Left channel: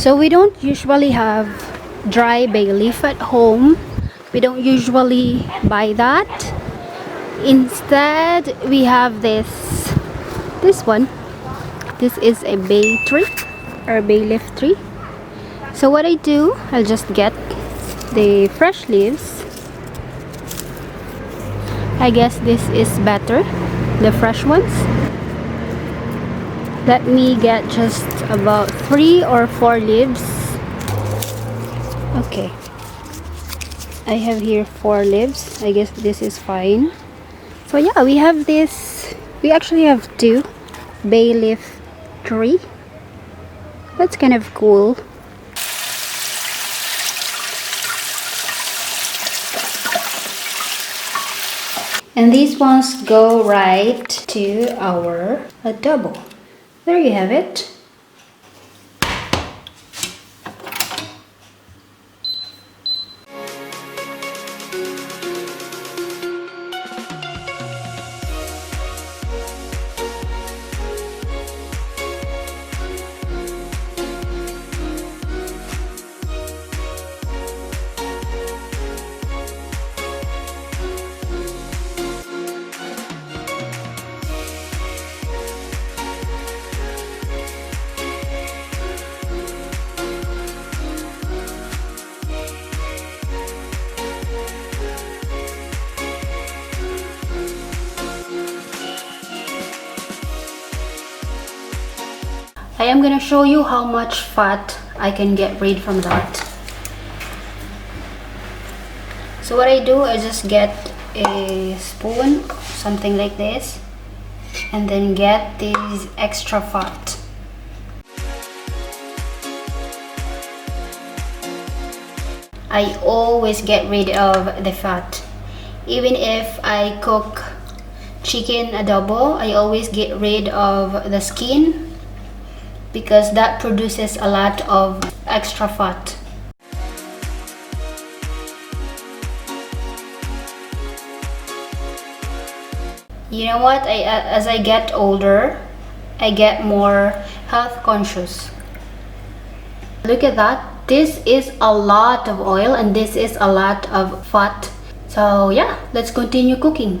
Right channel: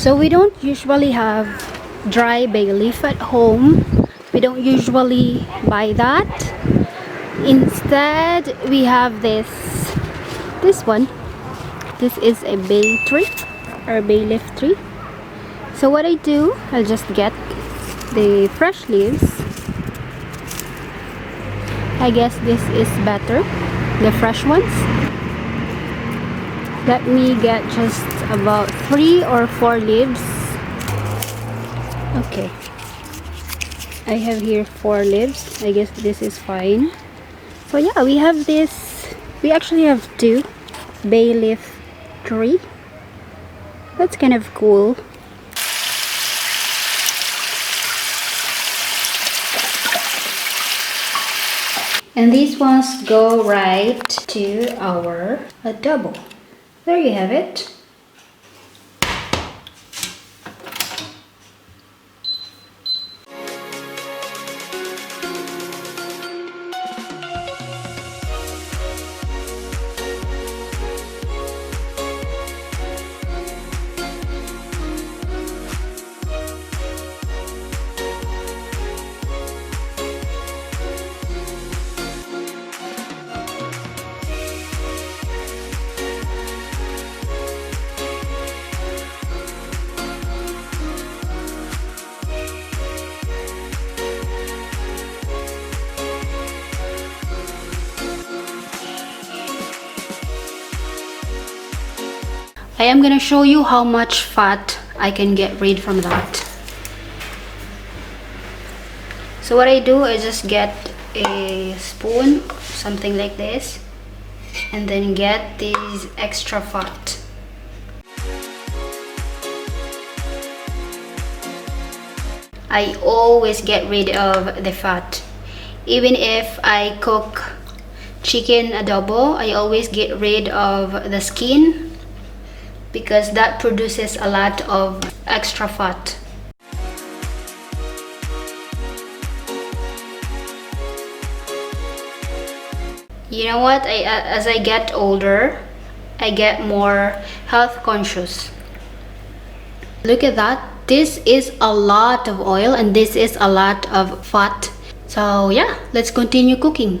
So we don't usually have dry bay leaf at home. We don't usually buy that. Instead, we have this one. This is a bay tree or bay leaf tree. So what I do, I'll just get the fresh leaves. I guess this is better, the fresh ones. Let me get just about 3 or 4 leaves. Okay, I have here 4 leaves. I guess this is fine. So yeah, we have this. We actually have 2 bay leaf tree. That's kind of cool. And these ones go right to our adobo. There you have it. I am going to show you how much fat I can get rid from that. So what I do, I just get a spoon, something like this, and then get these extra fat. I always get rid of the fat. Even if I cook chicken adobo, I always get rid of the skin, because that produces a lot of extra fat. You know what? As I get older, I get more health conscious. Look at that. This is a lot of oil and this is a lot of fat. So yeah, let's continue cooking.